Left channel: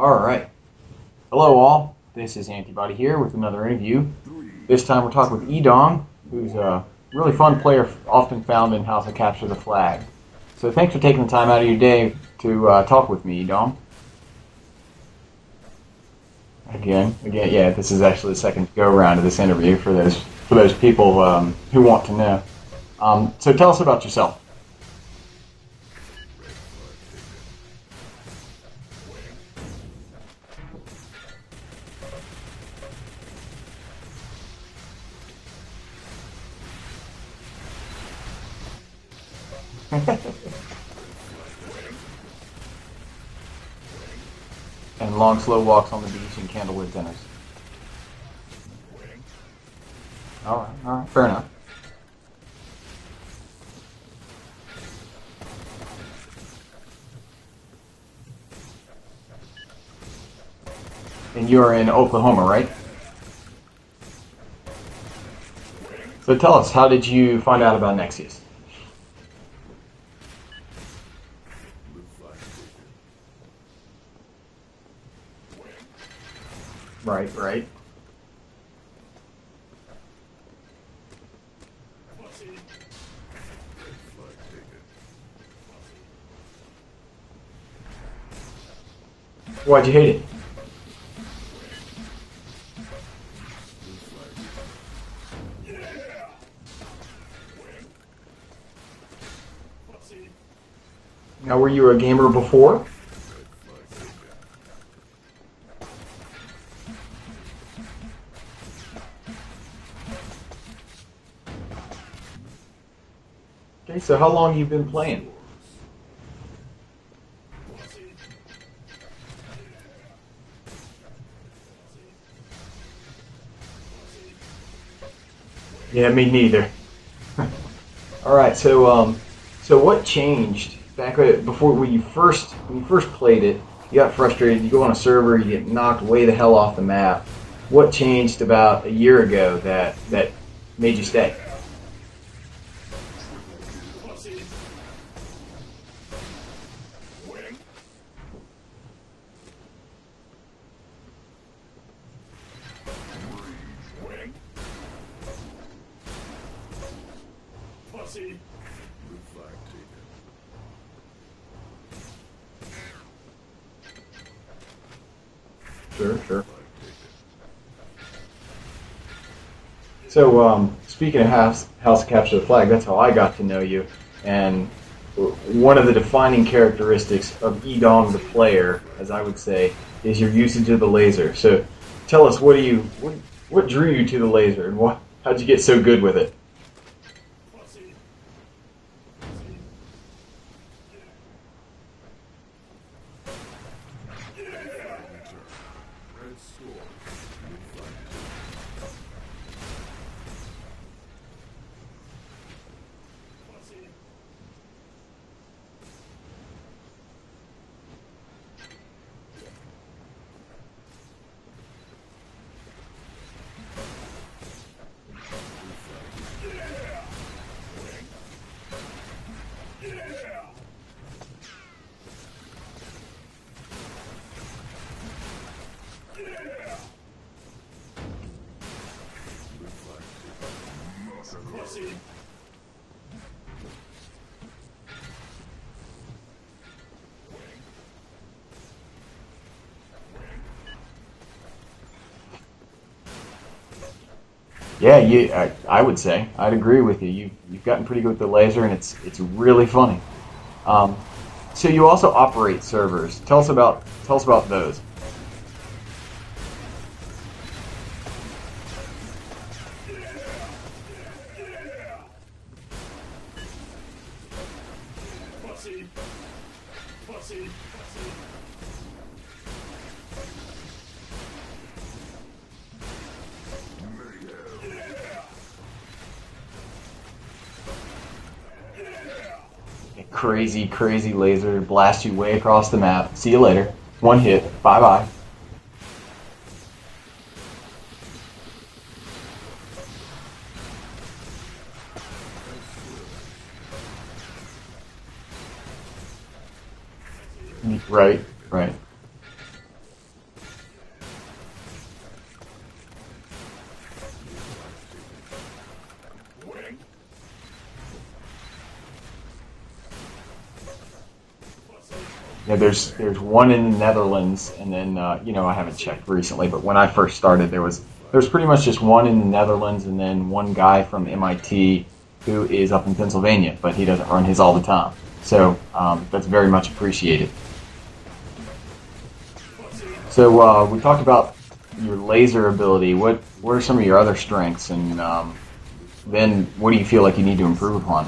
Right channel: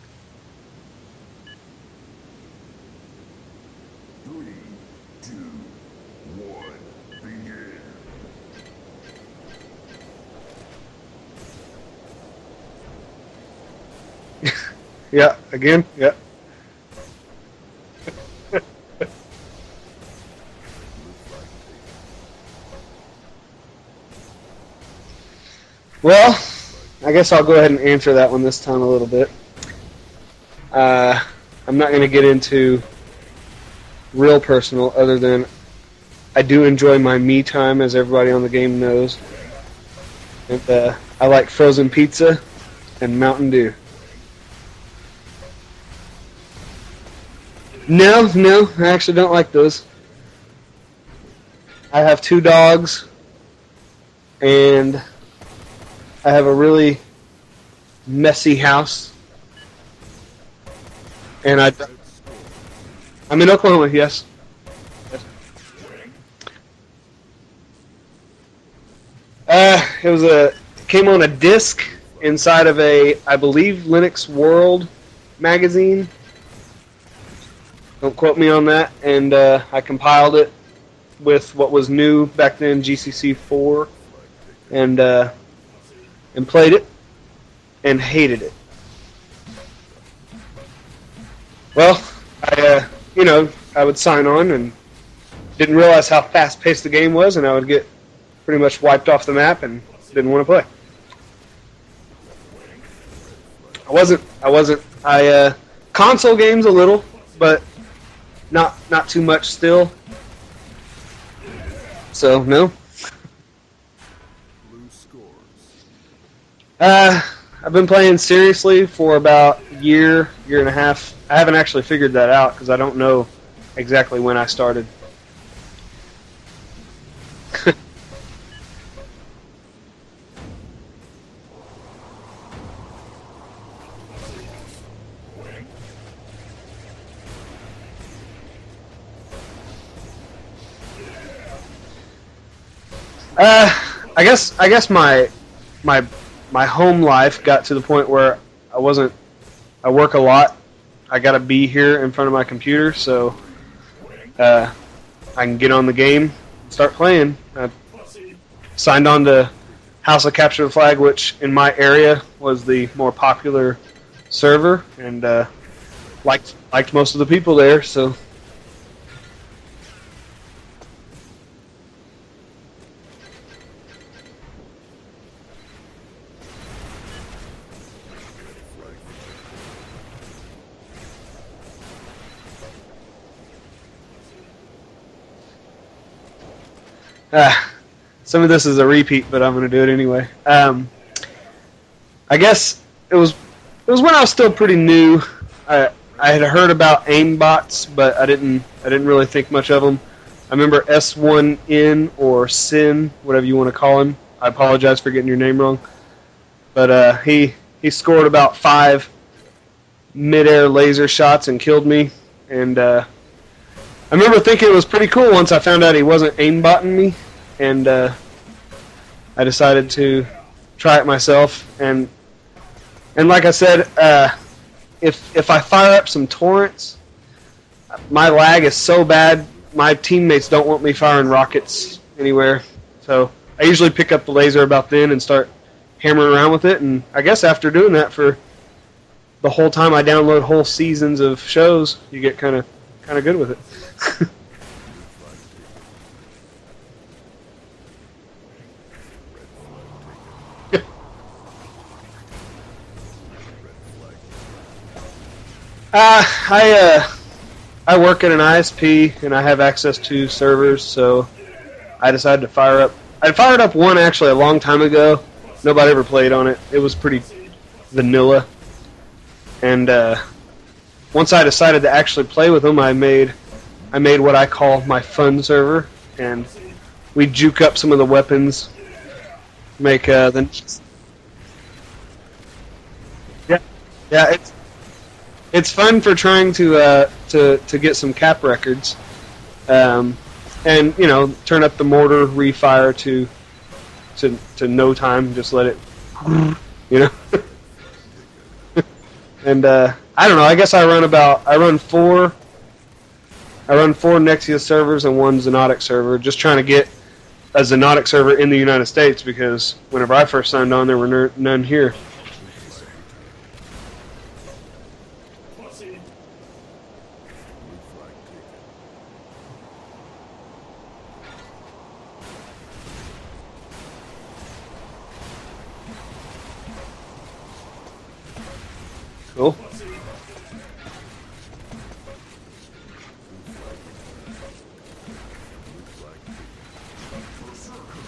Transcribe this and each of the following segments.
All right. Hello, all. This is Antibody here with another interview. This time we're talking with Edong, who's a really fun player, often found in House of Capture the Flag. So thanks for taking the time out of your day to talk with me, Edong. Yeah, again, yeah. Again, yeah. This is actually the second go-round of this interview for those people who want to know. So tell us about yourself. Well, I guess I'll go ahead and answer that one this time a little bit. I'm not going to get into real personal, other than I do enjoy my me time, as everybody on the game knows. And I like frozen pizza and Mountain Dew. And long, slow walks on the beach and candlewood dinners. No, I actually don't like those. All right, fair enough. I have 2 dogs, and I have a really messy house. And you're in Oklahoma, right? I'm in Oklahoma, yes. So tell us, how did you find out about Nexuiz? It came on a disc inside of I believe, Linux World magazine. Right. Don't quote me on that. And I compiled it with what was new back then, GCC 4, and played it and hated it. Why'd you hate it? Well, I would sign on and didn't realize how fast-paced the game was, and I would get pretty much wiped off the map and didn't want to play. Now, were you a gamer before? I wasn't. Console games a little, but not too much still. So no. Okay, so how long have you been playing? I've been playing seriously for about a year and a half. I haven't actually figured that out because I don't know exactly when I started. Yeah, me neither. All right, so what changed back before when you first played it? You got frustrated. You go on a server, you get knocked way the hell off the map. What changed about a year ago that made you stay? I guess my home life got to the point where I work a lot. I gotta be here in front of my computer, so I can get on the game, start playing. I signed on to House of Capture the Flag, which in my area was the more popular server, and liked most of the people there. So speaking of House of Capture the Flag, that's how I got to know you, and one of the defining characteristics of Edong the player, as I would say, is your usage of the laser. So tell us, what drew you to the laser, and how'd you get so good with it? Some of this is a repeat, but I'm going to do it anyway. I guess it was when I was still pretty new. I had heard about aimbots, but I didn't really think much of them. I remember S1N or Sin, whatever you want to call him. I apologize for getting your name wrong. But he scored about 5 mid-air laser shots and killed me. And I remember thinking it was pretty cool once I found out he wasn't aimbotting me. And I decided to try it myself. And like I said, if I fire up some torrents, my lag is so bad, my teammates don't want me firing rockets anywhere. So I usually pick up the laser about then and start hammering around with it. And I guess after doing that for the whole time I download whole seasons of shows, you get kind of good with it. Yeah, I would say I'd agree with you. You've gotten pretty good with the laser, and it's really funny. So you also operate servers. Tell us about those. I work at an ISP, and I have access to servers, so I decided to fire up. I fired up one actually a long time ago. Nobody ever played on it. It was pretty vanilla. And once I decided to actually play with them, I made what I call my fun server, and we juke up some of the weapons. Make crazy laser blast you way across the map. See you later. One hit. Bye. It's fun for trying to get some cap records, and turn up the mortar refire to no time. Just let it, Right. And I don't know. I guess I run four Nexuiz servers and one Xonotic server, just trying to get a Xonotic server in the United States, because whenever I first signed on, there were none here. Yeah, there's one in the Netherlands, and then you know, I haven't checked recently, but when I first started, there was pretty much just one in the Netherlands, and then one guy from MIT who is up in Pennsylvania, but he doesn't run his all the time. So that's very much appreciated. Cool. So we talked about your laser ability. What are some of your other strengths, and then what do you feel like you need to improve upon?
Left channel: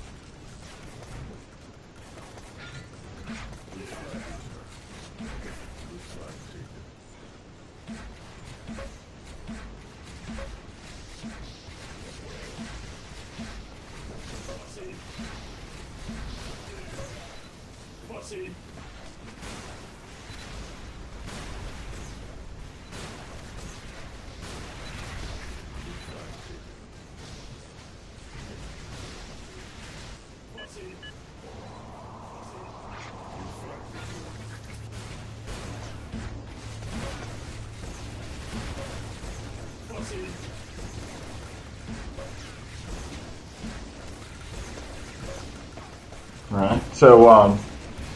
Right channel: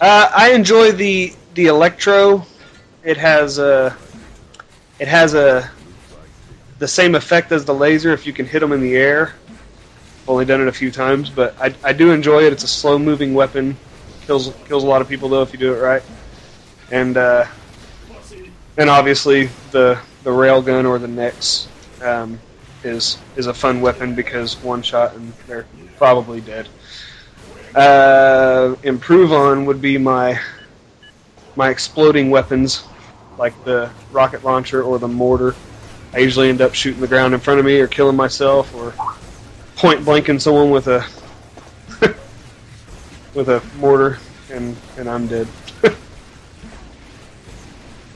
I enjoy the electro. It has the same effect as the laser if you can hit them in the air. I've only done it a few times, but I do enjoy it. It's a slow moving weapon. Kills a lot of people though if you do it right. And obviously the railgun or the Nex is a fun weapon, because one shot and they're probably dead. Improve on would be my exploding weapons, like the rocket launcher or the mortar. I usually end up shooting the ground in front of me, or killing myself, or point blanking someone with a with a mortar, and I'm dead. Alright. So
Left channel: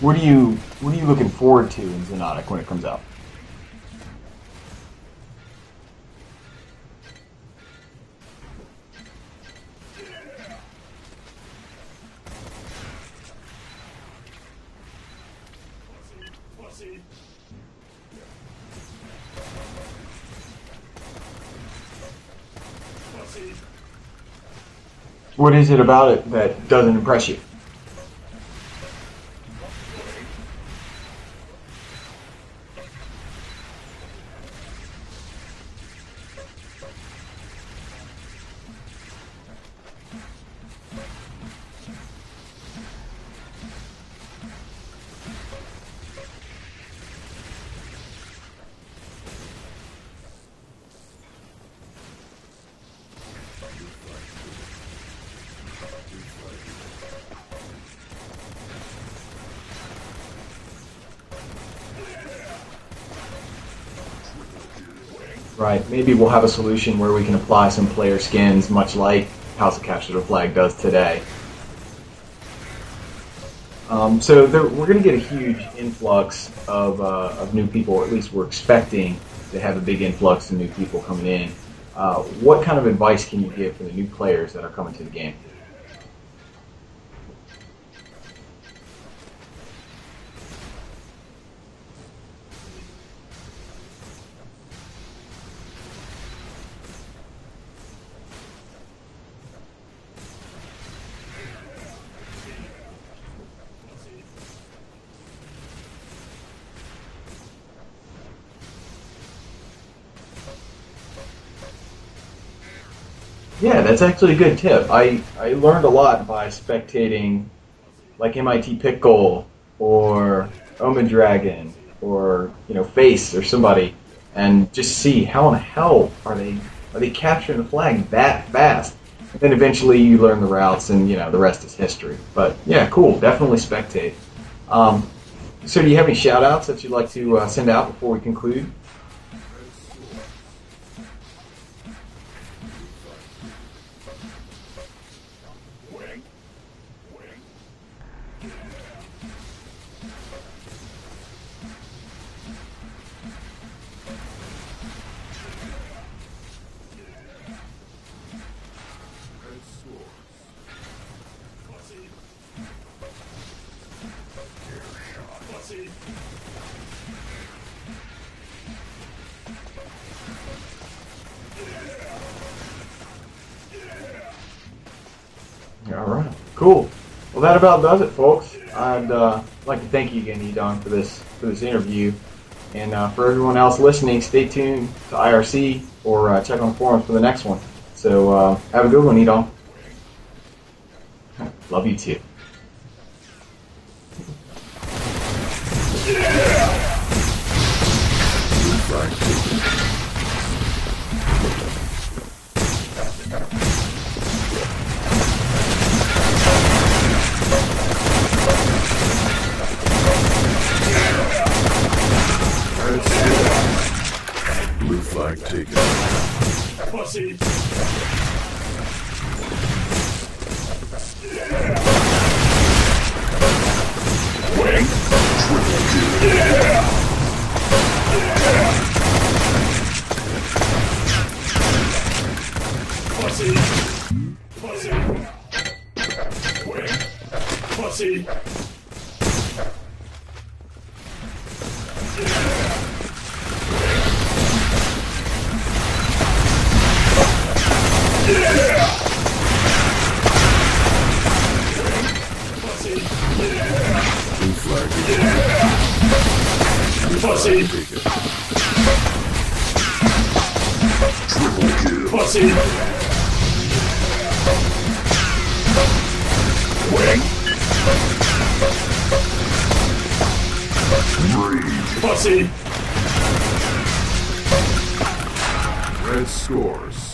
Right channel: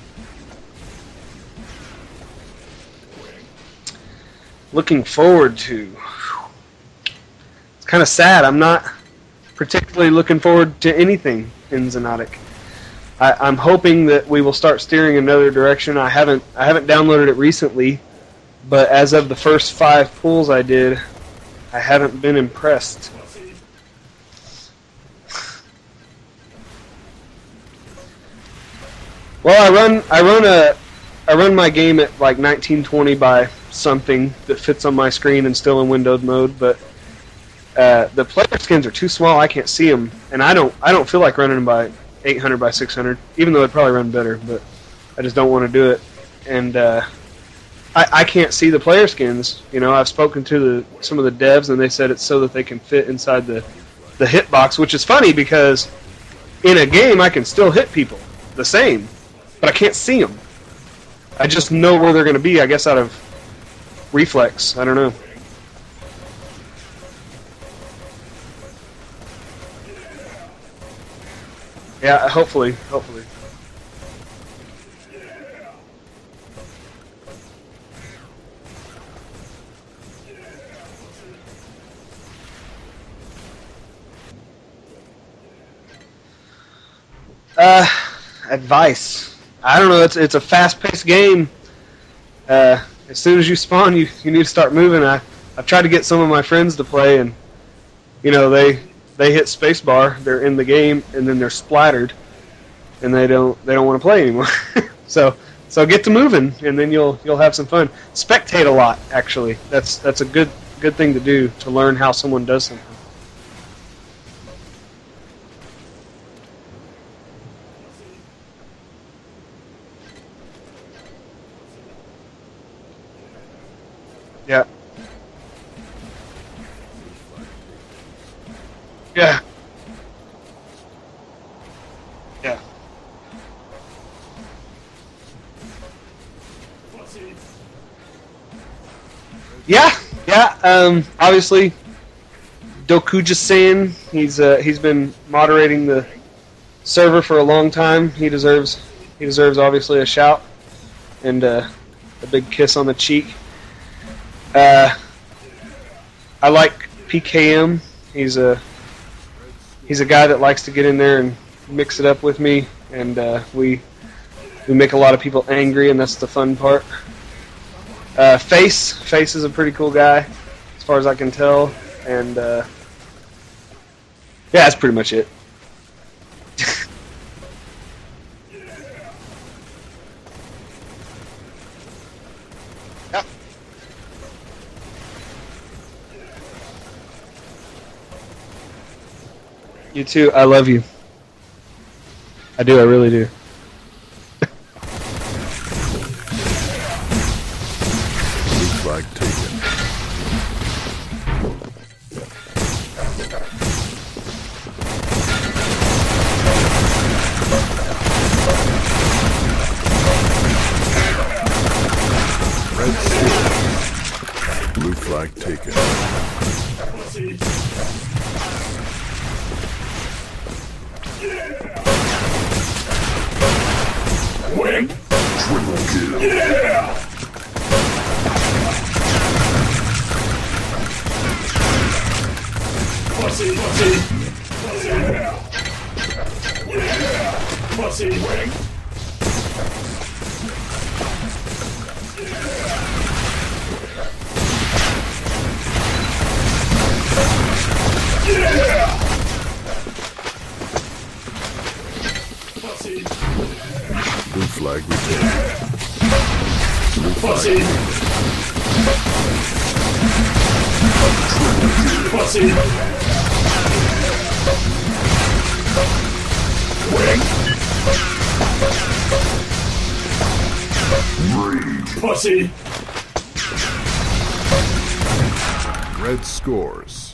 what are you looking forward to in Xonotic when it comes out? Looking forward to. It's kind of sad. I'm not particularly looking forward to anything in Xonotic. I'm hoping that we will start steering another direction. I haven't downloaded it recently, but as of the first 5 pulls I did, I haven't been impressed. What is it about it that doesn't impress you? Well, I run my game at like 1920 by something that fits on my screen and still in windowed mode, but the player skins are too small. I can't see them, and I don't feel like running them by 800 by 600, even though it'd probably run better, but I just don't want to do it. And I can't see the player skins. You know, I've spoken to some of the devs, and they said it's so that they can fit inside the hitbox, which is funny, because in a game I can still hit people the same, but I can't see them. I just know where they're going to be, I guess, out of reflex. I don't know. Right. Maybe we'll have a solution where we can apply some player skins, much like House of Capture the Flag does today. Yeah, hopefully. So we're going to get a huge influx of new people. At least we're expecting to have a big influx of new people coming in. What kind of advice can you give for the new players that are coming to the game? Advice. I don't know. It's a fast-paced game. As soon as you spawn, you need to start moving. I've tried to get some of my friends to play, and you know, they hit spacebar, they're in the game, and then they're splattered, and they don't want to play anymore. so get to moving, and then you'll have some fun. Spectate a lot, actually. That's a good thing to do, to learn how someone does something. Yeah, that's actually a good tip. I learned a lot by spectating, like MIT Pickle or Omen Dragon or Face or somebody, and just see how in the hell are they capturing the flag that fast. Yeah. Then eventually you learn the routes, and the rest is history. But yeah, cool. Definitely spectate. So do you have any shout-outs that you'd like to send out before we conclude? Yeah. Obviously, Dokuja-san, he's been moderating the server for a long time. He deserves obviously a shout and a big kiss on the cheek. I like PKM. He's a guy that likes to get in there and mix it up with me, and we make a lot of people angry, and that's the fun part. Face is a pretty cool guy, as far as I can tell, and yeah, that's pretty much it. All right, cool. Well, that about does it, folks. I'd like to thank you again, Edong, for this interview, and for everyone else listening, stay tuned to IRC or check on the forums for the next one. So have a good one, Edong. You too. I love you. Love you too. I do. I really do. Pussy. Pussy. Pussy. Pussy. Wing. Rage. Pussy. Red scores.